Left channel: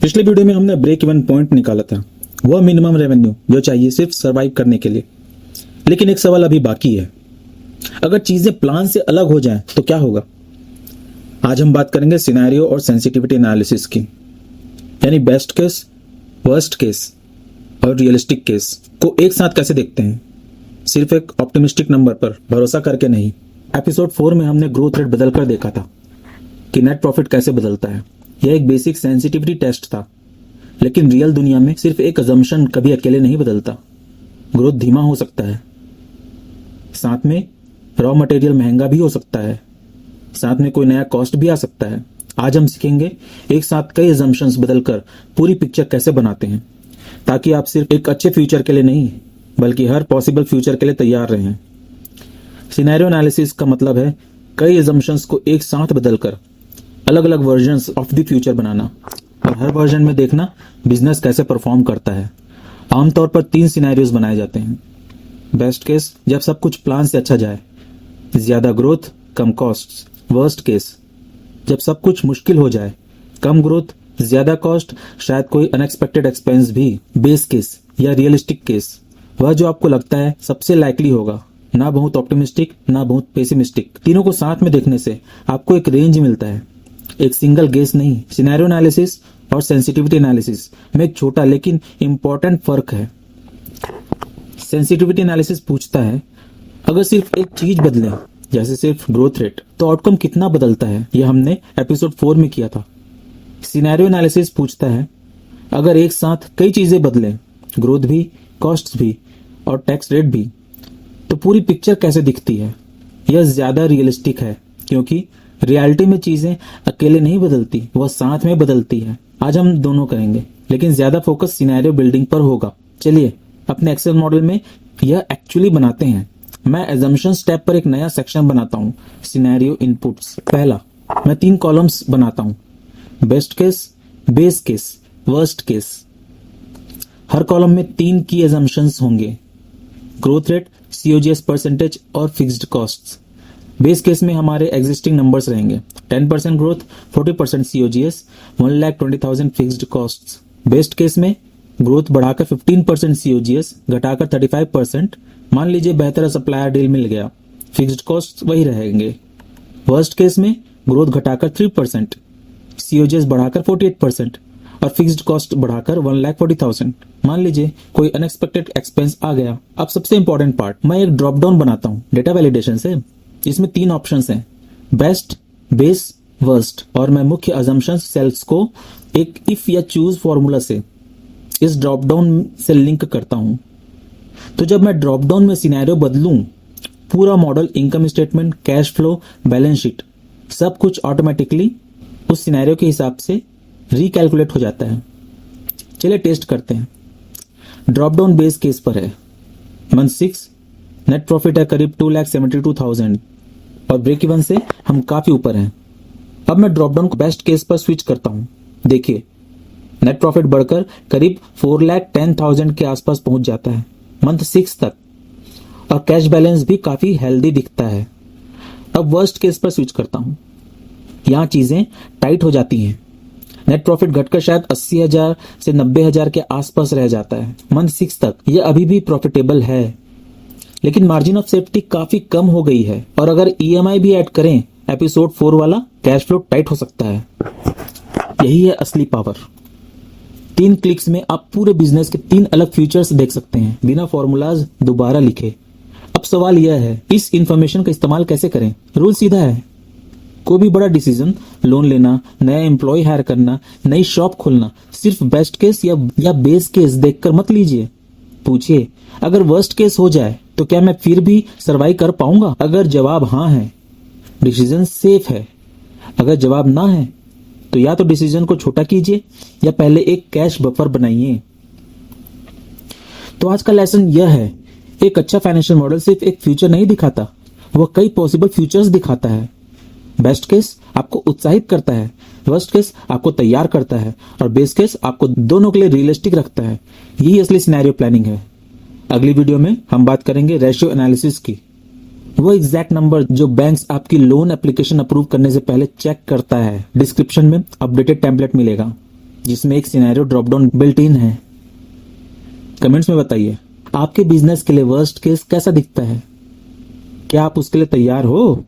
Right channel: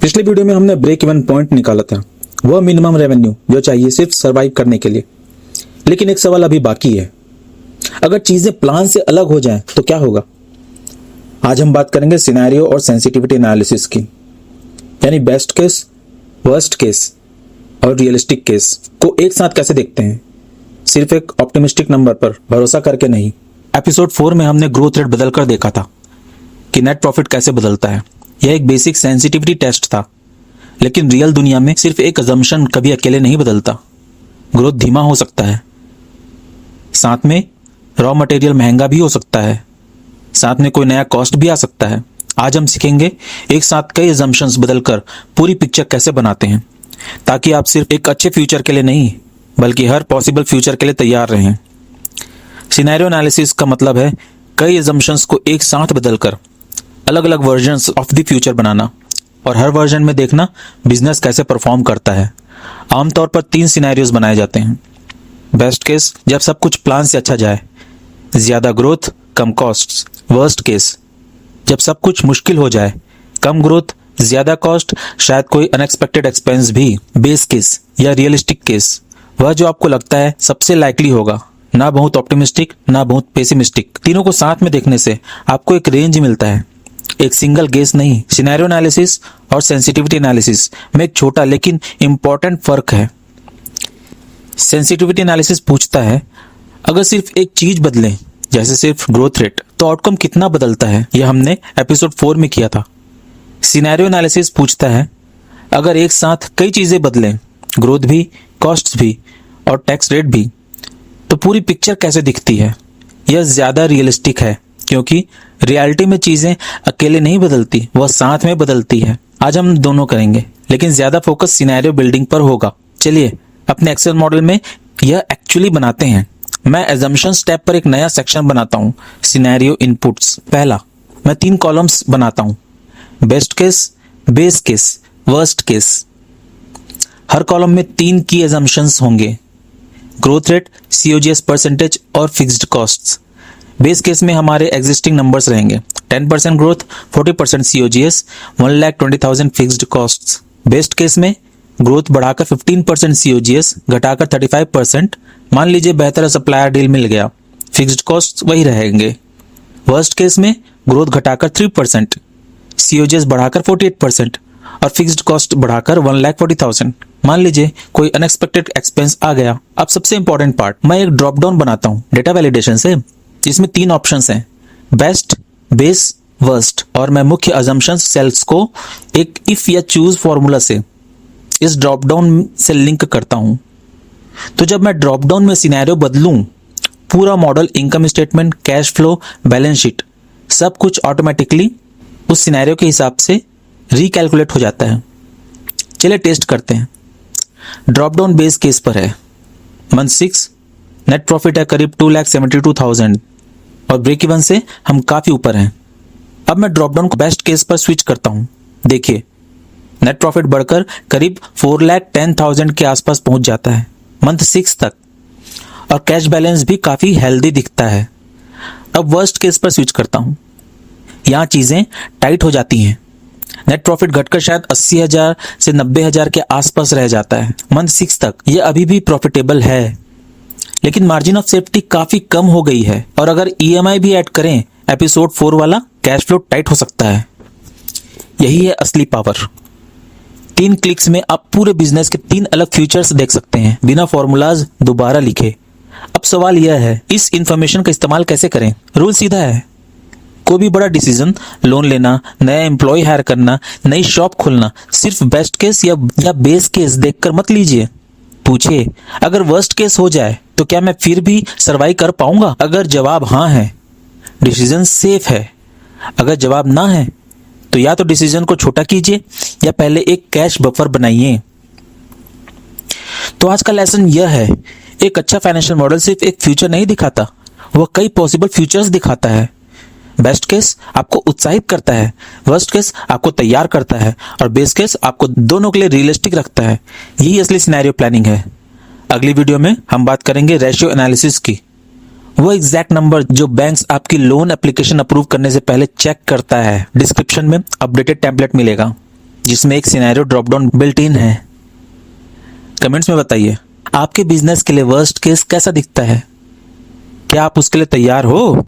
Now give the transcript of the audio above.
पिछले वीडियो में हमने ब्रेक इवन पॉइंट निकाला था, वह मिनिमम रेवेन्यू जो चाहिए सिर्फ सरवाइव करने के लिए। लेकिन एक सवाल अभी बाकी है, अगर चीजें प्लान से अलग हो जाएं तो क्या होगा। आज हम बात करेंगे सिनेरियो और सेंसिटिविटी एनालिसिस की, यानी बेस्ट केस, वर्स्ट केस और रियलिस्टिक केस को एक साथ कैसे देखते हैं, सिर्फ एक ऑप्टिमिस्टिक नंबर पर भरोसा करके नहीं। एपिसोड 4 में हमने ग्रोथ रेट बदलकर देखा था कि नेट प्रॉफिट कैसे बदलता है। यह एक बेसिक सेंसिटिविटी टेस्ट था, लेकिन रियल दुनिया में सिर्फ एक अजम्पशन कभी अकेले नहीं बदलता। ग्रोथ धीमा हो सकता है, साथ में रॉ मटेरियल महंगा भी हो सकता है, साथ में कोई नया कॉस्ट भी आ सकता है। आज हम सीखेंगे एक साथ कई अजम्पशंस बदलकर पूरी पिक्चर कैसे बनाते हैं, ताकि आप सिर्फ एक अच्छे फ्यूचर के लिए नहीं बल्कि हर पॉसिबल फ्यूचर के लिए तैयार रहें। सिनेरियो एनालिसिस का मतलब है कई अजम्पशंस को एक साथ बदलकर अलग अलग वर्जन्स ऑफ द फ्यूचर बनाना और हर वर्जन में देखना बिजनेस कैसे परफॉर्म करता है। आमतौर पर 3 सिनेरियोज बनाए जाते हैं। बेस्ट केस, जब सब कुछ प्लान से अच्छा जाए, ज्यादा ग्रोथ कम कॉस्ट्स। वर्स्ट केस, जब सब कुछ मुश्किल हो जाए, कम ग्रोथ ज्यादा कॉस्ट, शायद कोई अनएक्सपेक्टेड एक्सपेंस भी। बेस केस या रियलिस्टिक केस, वह जो आपको लगता है सबसे लाइकली होगा, ना बहुत ऑप्टिमिस्टिक ना बहुत पेसिमिस्टिक। तीनों को साथ में देखने से आपको एक रेंज मिलता है, एक सिंगल गेस नहीं। सिनेरियो एनालिसिस और सेंसिटिविटी एनालिसिस में एक छोटा लेकिन इंपॉर्टेंट फर्क है। सेंसिटिविटी एनालिसिस पूछता है अगर सिर्फ एक चीज बदले, जैसे सिर्फ ग्रोथ रेट, तो आउटकम कितना बदलता है। यह हमने एपिसोड 4 में किया था। सिनेरियो एनालिसिस पूछता है अगर एक साथ कई चीजें बदलें, ग्रोथ भी, कॉस्ट्स भी और टैक्स रेट भी, तो पूरी पिक्चर कैसे दिखती है। यह ज्यादा रियलिस्टिक है, क्योंकि रियलिटी में चीजें अकेले नहीं बदलती, वह साथ में बदलती है। आज हम दोनों करेंगे, लेकिन ज्यादा फोकस सिनेरियो बिल्डिंग पर होगा। चलिए अपने एक्सेल मॉडल में यह एक्चुअली बनाते हैं। मैं assumption स्टेप पर एक नया सेक्शन बनाता हूँ, सिनेरियो इनपुट्स। पहला, मैं 3 कॉलम्स बनाता हूँ, best case, base case, worst case. हर कॉलम में 3 की assumptions होंगे, ग्रोथ रेट, COGS परसेंटेज और फिक्स्ड कॉस्ट्स। बेस केस में हमारे एग्जिस्टिंग नंबर्स रहेंगे, 10% growth, 40% COGS, 1,20,000 fixed costs. Best case में ग्रोथ बढ़ाकर 15% COGS, घटाकर 35%। मान लीजिए बेहतर सप्लायर डील मिल गया, फिक्स्ड कॉस्ट वही रहेंगे। वर्स्ट केस में ग्रोथ घटाकर 3%, COGS बढ़ाकर 48% और फिक्स्ड कॉस्ट बढ़ाकर 1,40,000। मान लीजिए कोई अनएक्सपेक्टेड एक्सपेंस आ गया। अब सबसे इंपॉर्टेंट पार्ट, मैं एक ड्रॉप डाउन बनाता हूँ डेटा वैलिडेशन से, जिसमें 3 ऑप्शंस हैं, बेस्ट, बेस, वर्स्ट। और मैं मुख्य अजम्पशंस सेल्स को एक इफ या चूज फॉर्मूला से इस ड्रॉप डाउन से लिंक करता हूं। तो जब मैं ड्रॉप डाउन में सिनेरियो बदलूं, पूरा model, income statement, cash flow, balance sheet, सब कुछ ऑटोमेटिकली उस सिनेरियो के हिसाब से रिकैलकुलेट हो जाता है। चलिए टेस्ट करते हैं। ड्रॉप डाउन बेस केस पर है, मंथ 6, नेट प्रॉफिट है करीब 2,72,000 और ब्रेक इवन से हम काफी ऊपर हैं। अब मैं ड्रॉप डाउन को बेस्ट केस पर स्विच करता हूं। देखिए नेट प्रॉफिट बढ़कर करीब 4,10,000 के आसपास पहुंच जाता है मंथ 6 तक, और कैश बैलेंस भी काफी हेल्दी दिखता है। अब वर्स्ट केस पर स्विच करता हूं। यहां चीजें टाइट हो जाती हैं, नेट प्रॉफिट घटकर शायद 80,000 से 90,000 के आसपास रह जाता है मंथ 6 तक। यह अभी भी प्रॉफिटेबल है, लेकिन मार्जिन ऑफ सेफ्टी काफी कम हो गई है, और अगर EMI भी ऐड करें, एपिसोड 4 वाला, कैश फ्लो टाइट हो सकता है। यही है असली पावर। 3 क्लिक्स में आप पूरे बिजनेस के 3 अलग फ्यूचर्स देख सकते हैं, बिना फॉर्मूलाज दोबारा लिखे। अब सवाल यह है, इस इंफॉर्मेशन का इस्तेमाल कैसे करें। रूल सीधा है, कोई भी बड़ा डिसीजन, लोन लेना, नया एम्प्लॉय हायर करना, नई शॉप खोलना, सिर्फ बेस्ट केस या बेस केस देखकर मत लीजिए। पूछिए अगर वर्स्ट केस हो जाए तो क्या मैं फिर भी सर्वाइव कर पाऊंगा। अगर जवाब हाँ है, डिसीजन सेफ है। अगर जवाब ना है, तो या तो डिसीजन को छोटा कीजिए या पहले एक कैश बफर बनाइए। तो आज का लेसन यह है, एक अच्छा फाइनेंशियल मॉडल सिर्फ एक फ्यूचर नहीं दिखाता, वह कई पॉसिबल फ्यूचर्स दिखाता है। बेस्ट केस आपको उत्साहित करता है, वर्स्ट केस आपको तैयार करता है, और बेस केस आपको दोनों के लिए रियलिस्टिक रखता है। यही असली सिनेरियो प्लानिंग है। अगली वीडियो में हम बात करेंगे रेशियो एनालिसिस की, वो एग्जैक्ट नंबर जो बैंक्स आपकी लोन एप्लीकेशन अप्रूव करने से पहले चेक करता है। डिस्क्रिप्शन में अपडेटेड टेम्पलेट मिलेगा। जिसमें एक scenario drop down built in है। कमेंट्स में बताइए आपके बिजनेस के लिए वर्स्ट केस कैसा दिखता है। क्या आप उसके लिए तैयार हो?